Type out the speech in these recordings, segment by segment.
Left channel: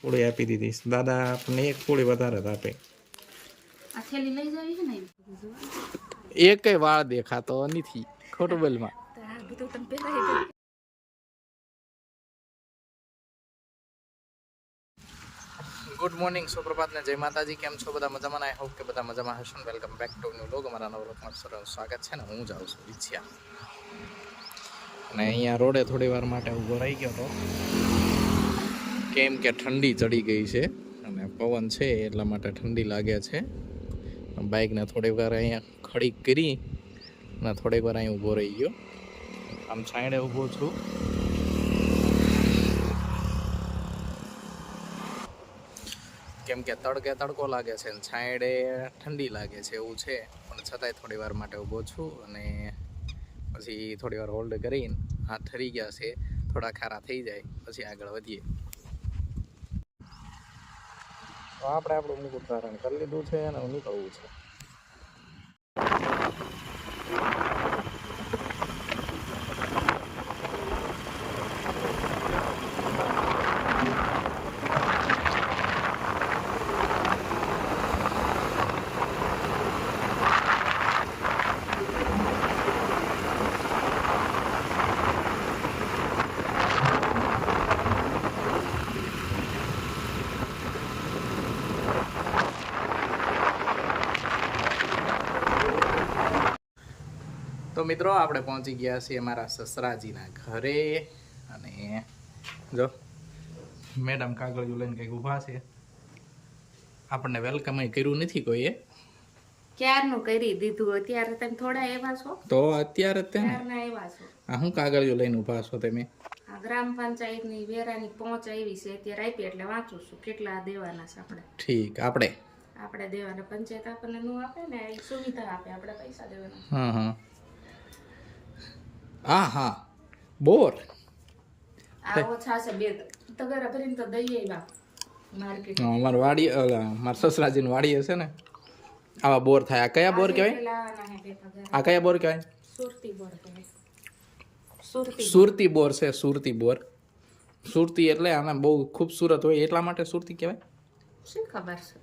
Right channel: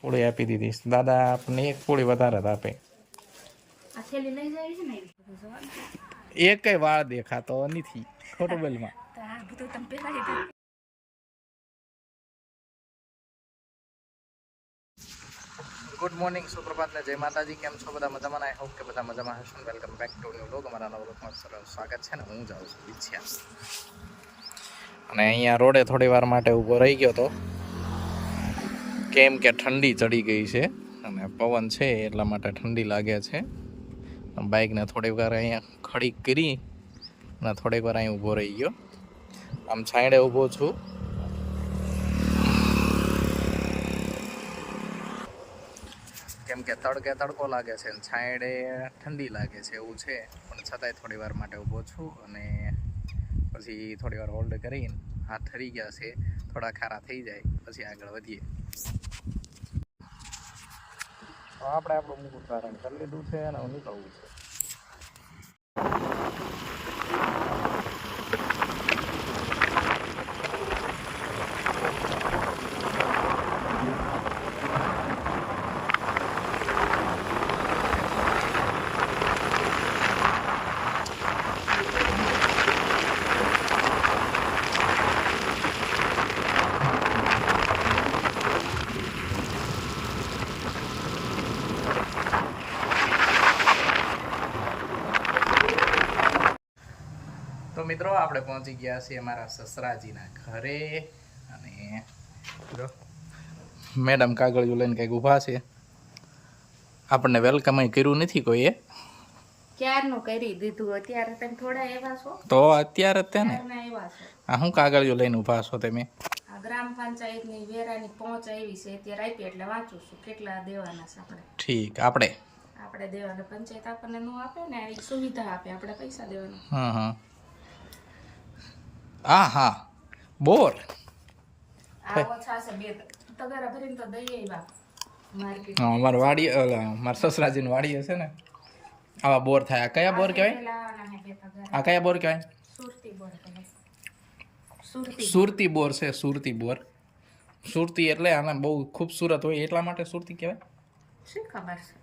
પૂળી આપી દીધી દાદા આપણને એક પૂળી વધારે આપે આ થેલી લઈ જાવી છે ને એકય વાળ દેખાતો નથી ખોટું બોલમાં તો આ બધું તમે પહેલા ગુડ મોર્નિંગ સુપ્રભાત ને જય માતાજી કેમ છો બધા મજામાં આઈ હોપ કે બધા મજામાં હશો welcome back to new vlog અમારા નવા વ્લોગમાં સ્વાગત છે ને હું જાઉં છું વિછ્યા અને અહીંયા રોડે થોડી વાર માટે ઊભો રહી ગયો તો કેમ કે ઠંડી ચડી ગઈ છે અને પવન છે એટલા માટે ઠંડી લાગે છે બાઇકને થોડી વાર અહીંયા ખડી કરી અને થોડીક વાર અહીં ઊભો રહી ગયો આમ છાંયડે ઊભો છું કેમ કે તડકે તડકો લાગે છે ને છાંયડે ઠંડી લાગે છે એવું છે પણ છતાંય થોડી વાર માટે ઊભો છું અને પછી થોડી વાર હોલ્ડ કરીને હાથ ઠરી ગયા છે થોડા ખારા થઈ જાય પછી આગળ વધીએ તો આપણે આપણું મુકુટ ધારણ કરી લીધું છે અને નીકળવું છે તો મિત્રો આપણે પહોંચી ગયા છીએ મારા સસરાજીના ઘરે અને જો મેડમ કાગળિયું લઈને કંઈક ઊભા છે આપણને વેલકમ કર્યું નથી કોઈએ ક્યારનું કરી દીધું અત્યારે તમે થોડા એવા છો તો અત્યારે જ તેને એવા છો આ શું કાગળિયું લઈને ઊભા છો તમે આ ગ્રામ પંચાયતની વેરાની પહોંચ આવી છે અત્યારે આપી એટલે વાંચું છું કેટલા દેવાના છે આપણે ઠીક આપણે દેવાના પંચાયત આપણને નું આપે ને એ સુવિધા આપે આપણે પૈસા દેવાના હા હા હા બોર આ ઓછા છે બે તગરા ભરીને તો દઈએ બાપ માર્કેટ અમારી વાડી મારા સસરાજીની વાડી હશે ને આવા બોર થાય આ કયા બોર કહેવાય આ કયા બોર કહેવાય સુરતી બોર કહેવાય સુરતી બોર છે સુરતી બોર સુરતી એટલે આના બહુ ખૂબસૂરત હોય એટલા માટે સુરતી કહેવાય શું ખબર છે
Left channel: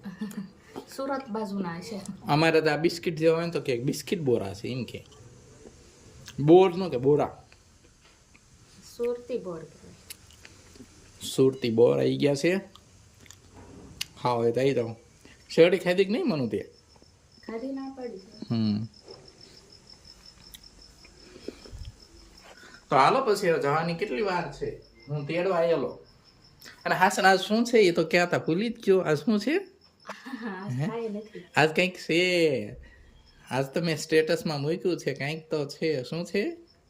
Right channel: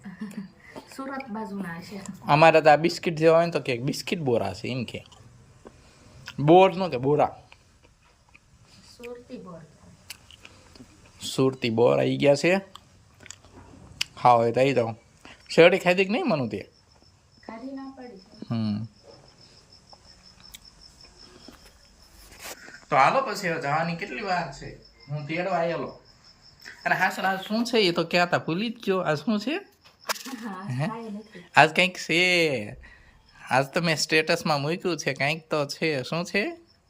સુરત બાજુના છે અમારે તો આ બિસ્કિટ જેવા હોય ને તો કે બિસ્કિટ બોરા છે એમ કે બોર નો કે બોરા સુરતી બોર સુરતી બોર આવી ગયા છે ખાવ હોય તો આવી જાઓ શેરડી ખાધી કે નહીં મનું તે ખાધી ના પડી તો હાલો પછી જવાની કેટલી વાર છે હું તેડવા આવેલો અને હાસન આજ શું છે એ તો ક્યાં હતા ભૂલી જ ગયો આ શું છે આજ કંઈક છે આજ તો મેં સ્ટેટસમાં મૂક્યું છે કંઈક તો છે શું છે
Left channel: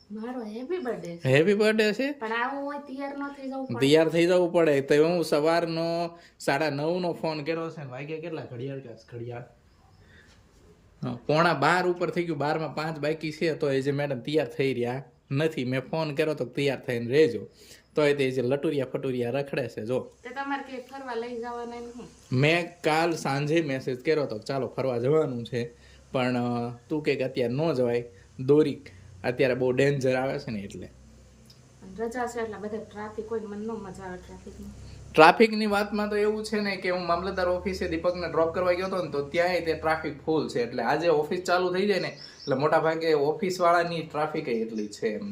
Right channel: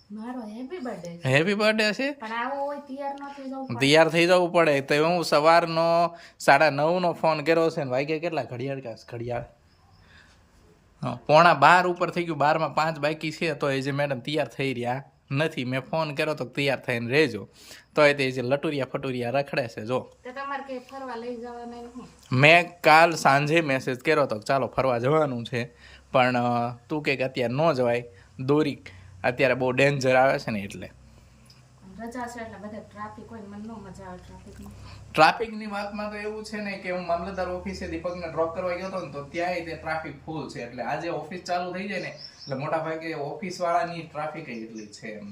મારો હેપી બર્થડે છે પણ આવો હોય તૈયાર થઈ જવું પડે તો હું સવારનો 9:30 ફોન કર્યો છે ને વાગ્યા કેટલા ઘડિયાળ 11:15 ઉપર થઈ ગયું 12:05 બાકી છે તો એ જે મેડમ તૈયાર થઈ રહ્યા નથી મેં ફોન કર્યો તો તૈયાર થઈને રહેજો તો એ જે લટુરિયા ફટુરિયા રખડે છે જો મેં કાલ સાંજે મેસેજ કર્યો તો ચાલો ફરવા જવાનું છે પણ તું કે અત્યારે ન જવાય દોરી અત્યારે બહુ ડેન્જર આવે છે ને એટલે ટ્રાફિકની વાતમાં તો એવું છે ને કે હું મામલતદાર ઓફિસે દીપકને ડ્રોપ કરવા ગયો હતો ને તો ત્યાંય તે ટ્રાફિક ફૂલ છે એટલે આજે ઓફિસ ચાલુ થઈ જાય ને એટલે મોટા ભાગે ઓફિસવાળાની ટ્રાફિક એટલી છે એમ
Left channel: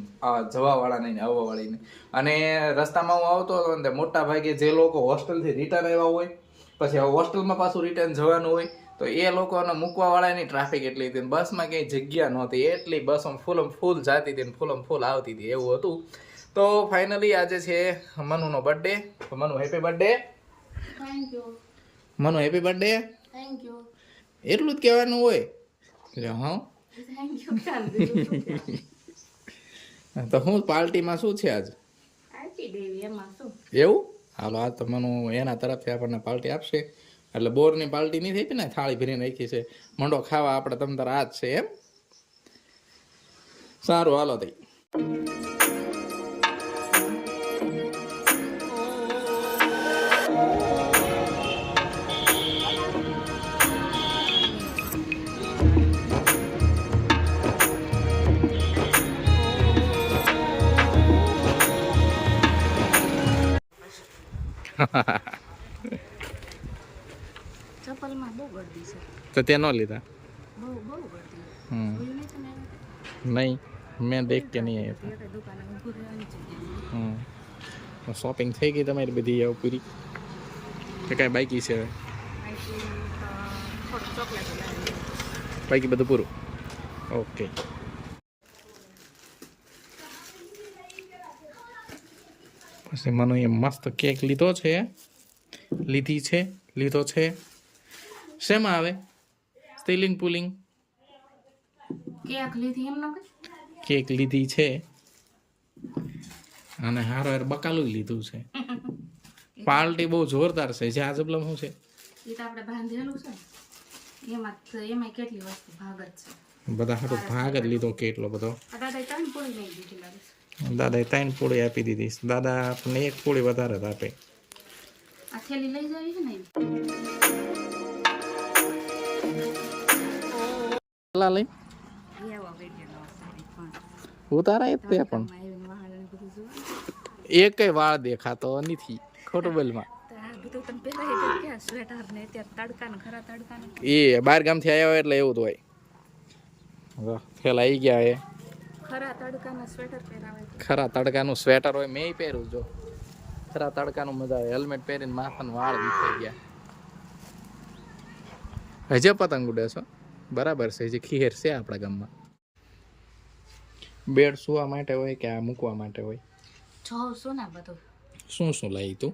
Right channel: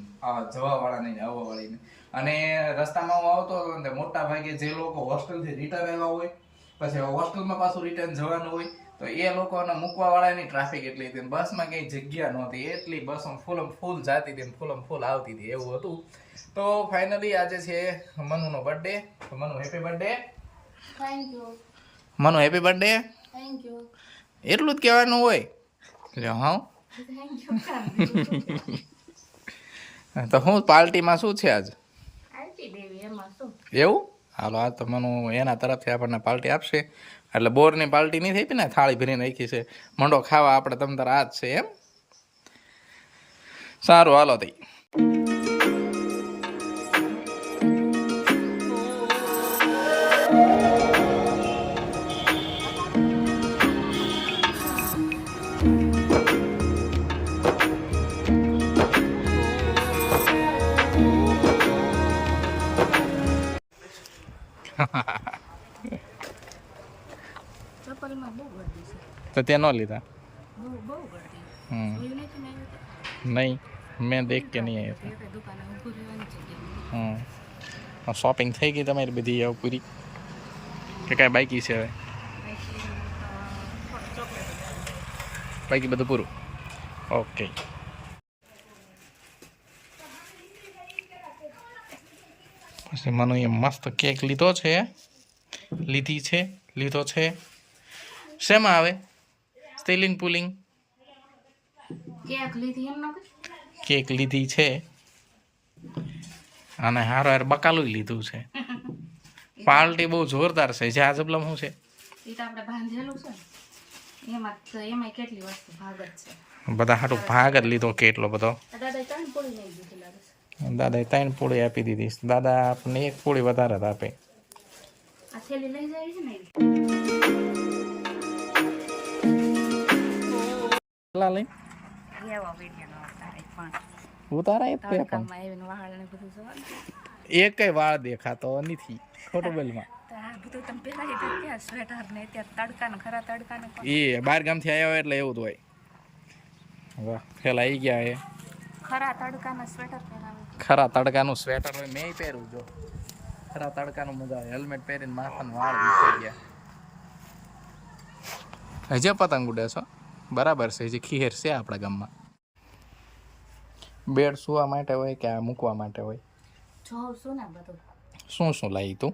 જવાવાળાની આવવાવાળીની અને રસ્તામાં હું આવતો હતો ને મોટા ભાગે જે લોકો હોસ્ટેલથી રિટર્ન આવ્યા હોય પછી હોસ્ટેલમાં પાછું રિટર્ન જવાનું હોય તો એ લોકોને મૂકવાવાળાની ટ્રાફિક એટલી હતી બસમાં કંઈ જગ્યા નહોતી એટલી બસ ફૂલ જાતી હતી ફૂલ આવતી હતી એવું હતું તો ફાઇનલી આજે છે મનુનો બર્થડે તો Manu happy birthday Manu happy birthday એટલું જ કહેવાનું હોય એટલે હા તો હું પાર્ટીમાં શું છે આજ એવું હાલો આજ તો મનુ એના તરફથી આપણને પાર્ટી આપશે એટલે બોરની પાર્ટી નહીં થઈ હતી ને થાળી ભરીને રાખી છે મંડો ખાવા આપણે તમ તાર આ જ છે એમ સારું હાલો તઈ ચપ્પલમાં બહુ ગરદી છે, તો તે ન લીધા? બહુ ગરદી. હમ જોયું નહીં તમે આવ્યા ત્યારે? નહીં, મેં દેખ કે નહીં આવ્યા એ કઈ દુકાને ઊભું રહેવાની જગ્યા હમ શોપિંગ થઈ ગઈ તમારી બધી હવે પૂરી કે કાંઈ બાકી છે હવે? થોડું ચોકલેટ લાવી. બાકી બધું પૂરું? ઓકે. પછી મને એ મસ્ત કેક લીધો છે. શેમાં આવે? સ્ટીલિંગ પુલિંગ કેક લીધી એમ ન કઈ? કેક લીધી છે અને હારો હાર બકાલું લીધું છે. પાર્ટી બહુ જોરદાર છે. જે આ જબલમ શું છે? એ તો આપણે બાંધેલું છે ને, એમાં કેટલી વસ્તુ ભાગ જ છે. બધા હાટું ભાગ જ લીધો કેટલો બધો. દાદાએ 3 પૂરી લઈ દીધી લાગે છે. દાદાએ 3 પૂળી આપી દીધી. દાદા આપણને 1 પૂળી વધારે જ આપે. આ થેલી લઈ જાવી છે ને એવી. લઈ એવો વિડિયો નો ઉતારાય પણ ઉતારાય તે પણ આવીને વાળ ને બધું જોવાનું. એકય વાળ દેખાતો નથી. ખોટું બોલમાં. તો આ બધું તમે પહેલા એ ક્યાં સ્વેટર ને અત્યારે તડકાને ખરા તડકાને એ બહાર ગામથી આવ્યા હોય એટલે એવું જ હોય. વાહ, ફેલા આવી ગયા એ. ખરા તડકાના સ્વેટર પહેરાવે છે. ખરા તડકાનું સ્વેટર હોય મેં પહેર્યું જો. ખરા તડકાનું મજા આવે. હેલ્મેટ પહેરીને માથાના વાળ વિખાઈ ગયા. હજે પતંગ ઉડે છો? બરાબર છે. હજી ખીહેર છે આપણા ગામમાં. બેડ સુવા માટે હોય કે આ મૂકવા માટે હોય? જોઉં છું ને બધું. શું લાવી તું?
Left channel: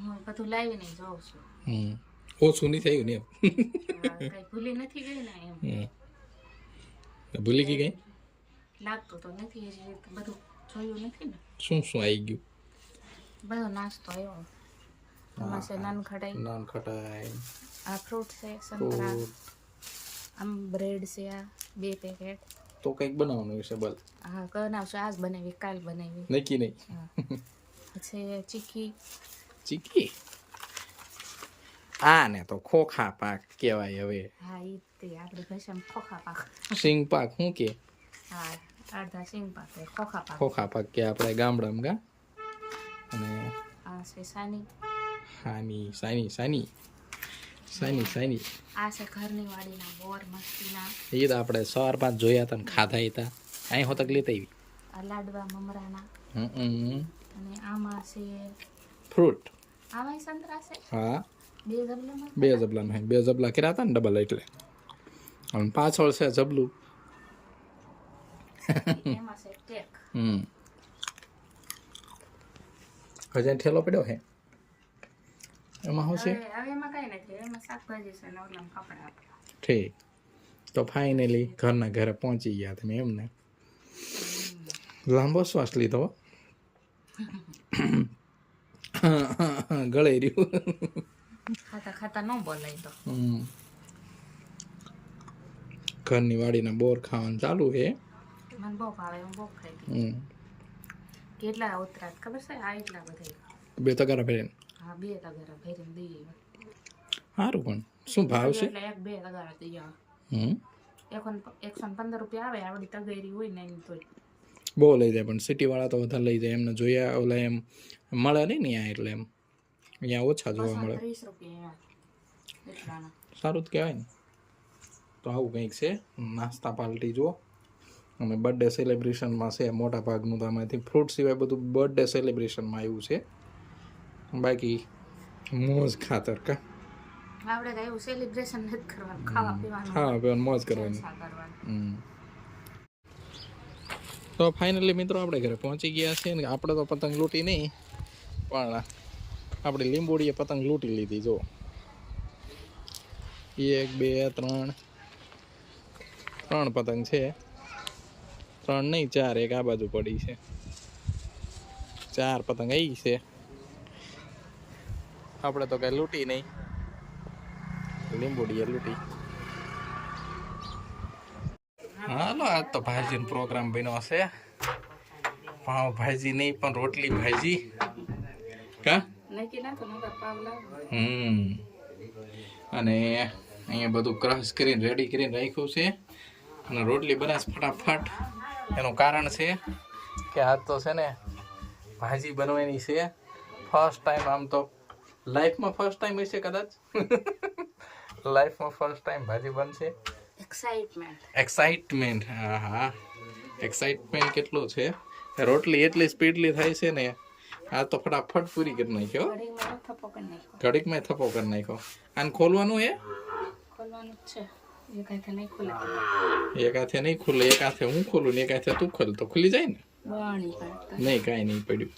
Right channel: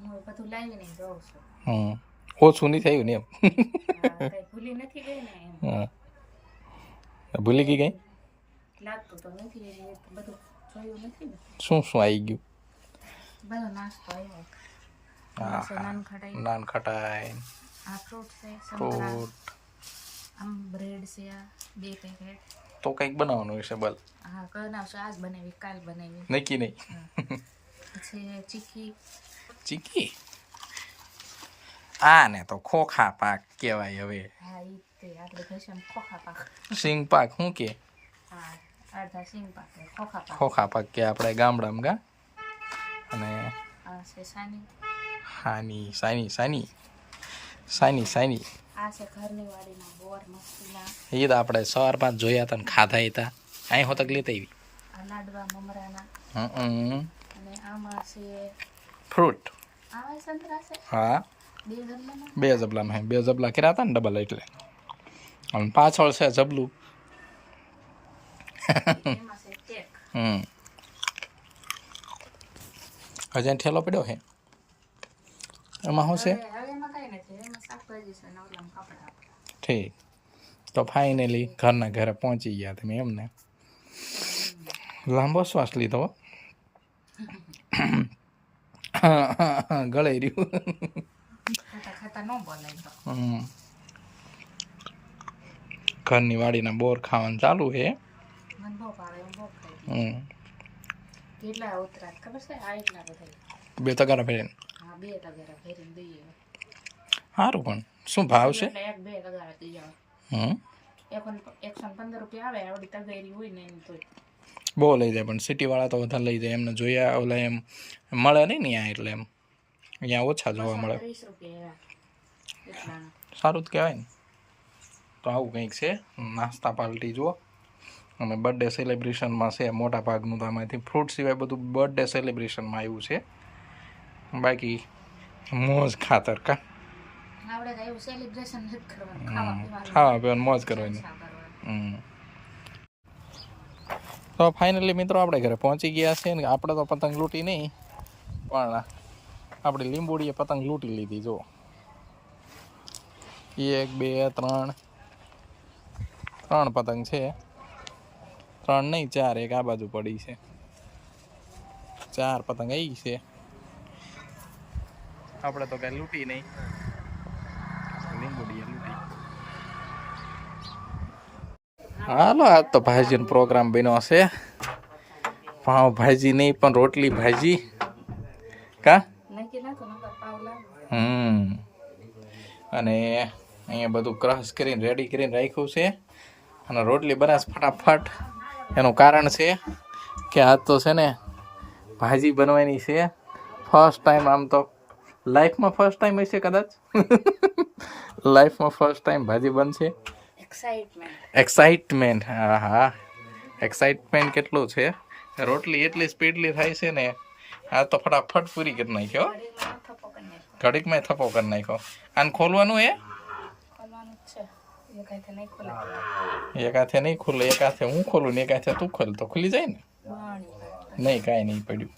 હું બધું લાવીને જોઉં છું. ઓછું નહીં થયું ને એમ? કઈ ભૂલી નથી ગઈ ને એમ. ભૂલી ગઈ? લાગતું તો નથી, હજી બધું જોયું નથી ને. શું આવી ગયું? બધો નાસ્તો આવ્યો. નાન ખટાઈ, આ ફ્રૂટ છે, ફ્રૂટ. આમ બ્રેડ છે, આ 2 પેકેટ. તો કંઈક બનાવવાનું હશે બલ. હા બનાવશું. આજ બનાવી, કાલ બનાવી. નક્કી નહીં. પછી ચીકી આ ને તો ખોખા પાક કહેવાય હવે. હા ઈ તે આપણે ભાષામાં ખોખા પાક. સિંગ પાક શું કે? હા અડધા સિંગ પાક, ખોખા પાક કે આપણે ગામડામાં ગા. અને આ છે સાની. સાની. આ છે ઘરની વાડીના બોર મસ્તીના. એ તો આપણે સવાર પાંચ જોયા હતા ને ખાધા હતા. અહીં હોતક લેતા આવી. આ લાડવા મમરાના. અને આમાં છે ફ્રૂટ. આવા સંતરા છે. હા 2 જબલામાં. 2 જબલામાં 2 જબલા કર્યા હતા ને ડબલ એટલે. અને પાછળ છે જબલું. એમાં છે કેક. હજી ઠેલો પડ્યો છે એમાં શું છે? હવે એમાં કઈ નથી, એમાં શાકભાજી છે ને ઓલામાં કપડા. ઠીક. તો ફાઇનલી ઘરના ઘરે પહોંચી ગયા તમે એમને. લાંબો શ્વાસ લીધો. ગળે રહ્યું. ખાતા ન બોલાય તો. ઘરની વાડીના બોર ખાવાનું ચાલુ છે. મને બહુ ભાવે, હું બહુ ખાઈ. કેટલા ઉતરાત ખબર છે? આ એટલા બધા. 2 તગારા ભરીને. હા 2 તગારા ભરીને દઈએ. સારું પણ શું ભાવ છે? એટલે 1-2 તગારા દઈએ. 115 રૂપિયા આવે આવડી તગેરી હોય ને એની તોય. બહુ લઈ જાય પણ સિટી વાળા તો વધારે લઈ જાય. એમને જોયા ઓલા એમ મળે નહીં ને અહીંયા એટલે એમ અહીંયા ઓછા જોવા મળે. 30 રૂપિયા એટલાના. સારું જ કહેવાય ને. તો આવું કંઈક છે નાસ્તા પાર્ટી જુઓ. અને બર્થડે સેલિબ્રેશનમાં છે મોટા ભાગનું તો આમાંથી ફ્રૂટ સિવાય બધું બર્થડે સેલિબ્રેશનમાં આવ્યું છે. બાકી મોજ ખાતર કા આપણે કઈ એવું સેલિબ્રેશન નથી કરવાનું, ખાવા પીવાનું મોજ કરવાની. તો ફાઇનલી મિત્રો આપણે ઘરે પહોંચી ગયા છે ને. આપણે તો પતંગ લૂંટી નહીં પણ આપણી લીંબોડીએ પતંગ લૂંટી લીધી. જો 1 2 3 પતંગ છે. 3 નહીં 4, એક આ બાજુ પડી છે. 4 પતંગ આવી છે. આપણે તો કઈ લૂંટી નહીં, લીંબોડીએ લૂંટી. હાલો આજ તો ભાજીનો પ્રોગ્રામ બન્યો છે. પાવ ભાજી નહીં પણ રોટલી ભાજી કા. અને અહીંયા બધું ક્રશ કરીને રેડી કરીને રાખ્યું છે. અને રોટલી બનાસ ફટાફટ. એનું કારણ છે કે આજ તો છે ને ભાજી બનવાની છે ફર્સ્ટ ટાઈમ. આમ તો લાઈફમાં ફર્સ્ટ ટાઈમ હશે કદાચ. લાઈફમાં ફર્સ્ટ ટાઈમ ભાજી બનશે. એક્સાઇટમેન્ટ, હા હા, એક્સાઇટમેન્ટ કેટલું છે. રોટલી એટલી સ્પીડલી થાય છે ને, આ તો ફટાફટ પૂરી કરી નાખ્યો. ઘડીકમાં થપ્પો કરી નાખ્યો. આને ખોલવાનું હે, એક હાથે નહીં ખુલે, એક હાથે હું ખોલું ને એક હાથે તું ખોલ તો ખુલી જાય ને. નહીં, કાંઈ નહીં પડ્યું.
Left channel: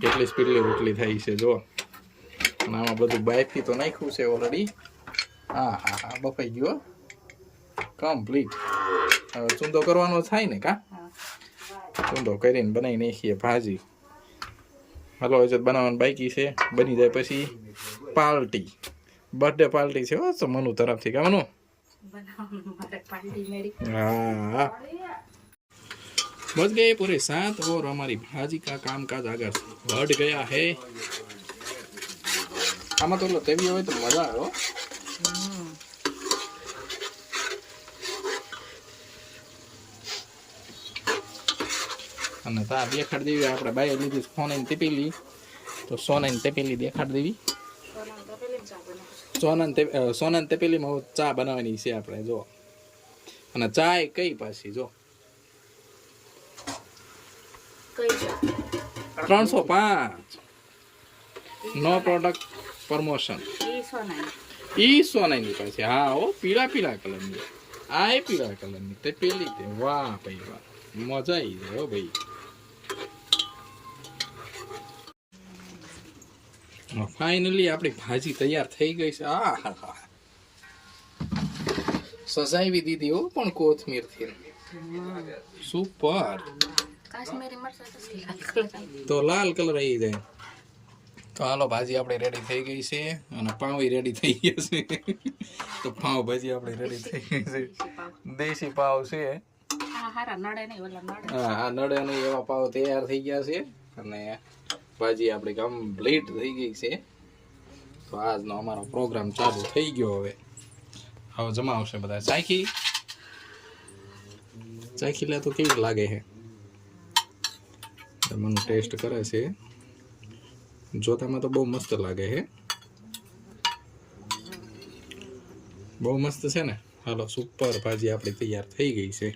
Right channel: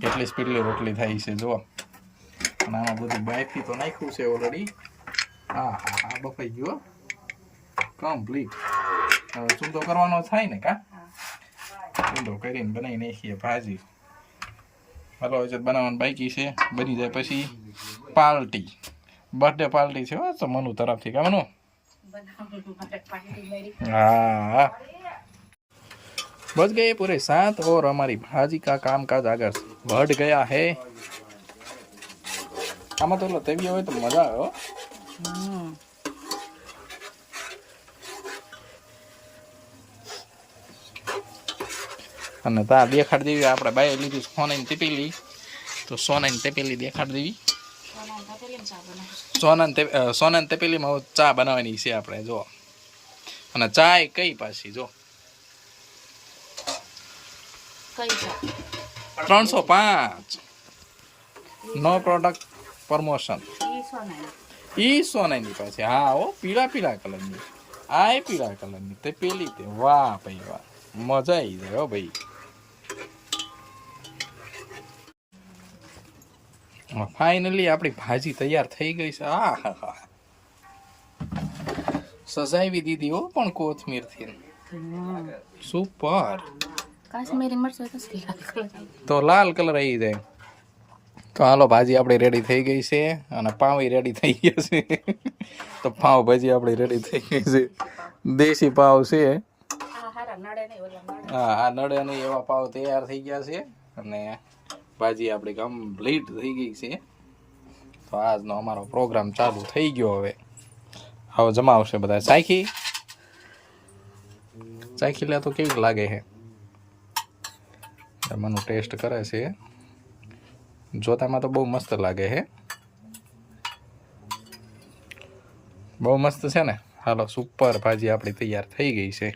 કેટલી સ્પીડલી રોટલી થાય છે જો. અને આમાં બધું બાયફી તો નાખ્યું છે ઓલરેડી. હા હા હા, બફાઈ ગયો કમ્પ્લીટ. હવે ચૂંદો કરવાનો થાય ને કા? ચૂંદો કરીને બનાવી નાખીએ ભાજી. હલો, હજુ બનાવવાનું બાકી છે. બની જાય પછી પાર્ટી, બર્થડે પાર્ટી છે હો તો મનુ તરફથી. કા મનુ? हाँ, बच गए पूरे 7 और हमारी भाजी का कामकाज आगे बढ़ गया है. આમાં તો તેવી હોય તો મજા આવે હો. અને તા દેખાડ દેવી આપણે બાય લીધી સોનાની તેપેલી, તો સોનાની તેપેલી દેખાડ દેવી. સોનાની તેપેલીમાં ચા બનાવવાની છે આપણે જો. અને ચા કઈ પાછી જો 305 નો પ્રોડક્ટ પ્રમોશન. ઈ સોનાની પાછી. હા ઓ, પીળા પીળા કલરની. આ પીળા કલરની તે પેલી તે. વાહ ભાઈ વાહ, મજા આવી જાય હો ભાઈ. ફાઇનલી આપણી ભાજી તૈયાર થઈ ગઈ છે. આ હા હા, સજાવી દીધી હો પણ કોથમીરથી. સુપર. કાશ્મીરી મરચાં તો લાલ કલર આવી જાય. તો હાલો, ભાજી આપણી રેડી થઈ ગઈ છે અને પાવ રેડી થઈ ગયા છે. તો પાવ ભાજી આપણી રેડી થઈ ગઈ છે. દેશી પાવ છે. હા, આ નડે નહીં એવા પાવ તૈયાર થઈ ગયા છે. અને ભાજી આપણી કમ્પ્લીટ થઈ ગઈ છે. તો આજનો અમારો પ્રોગ્રામ ચાલુ થઈ ગયો. હવે જમાવશે બધા. ચાખી લે તો કેવી લાગે છે. મનુ ટેસ્ટ કરે છે. જોતામાં તો બહુ મસ્ત લાગે છે. બહુ મસ્ત છે ને. હાલો, સુપર ભાજી આપણી તૈયાર થઈ ગઈ છે.